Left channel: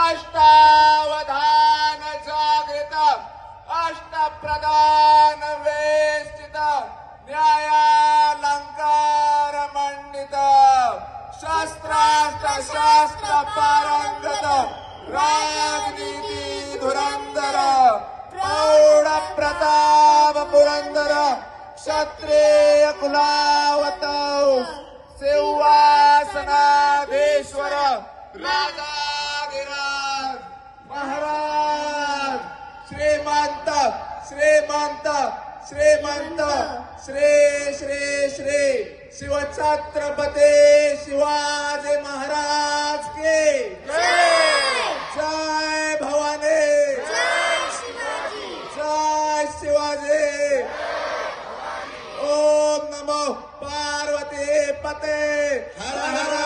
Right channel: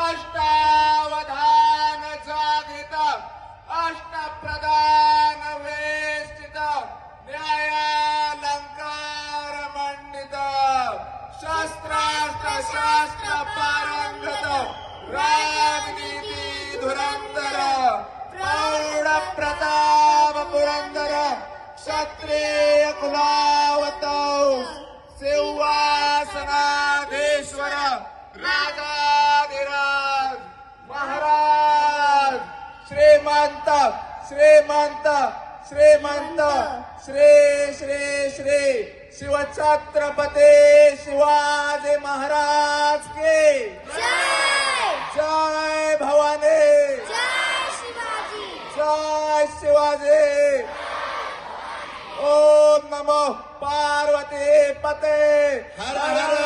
अष्टावधान जागृत अष्टप्रधान वेष्टित न्यायालंकार मंडित शस्त्रास्त्र शास्त्र पारंगत राजनीती धुरंधर प्रौढ प्रताप पुरंदर क्षत्रिय कुलावत सिंहासनाधीश्वर राजाधिराज महाराज श्रीमंत श्रीमंत श्रीमंत श्री श्री श्री शिवछत्रपती शिवाजी महाराज की जय भवानी जय शिवाजी ओम नमो पार्वती पते हर हर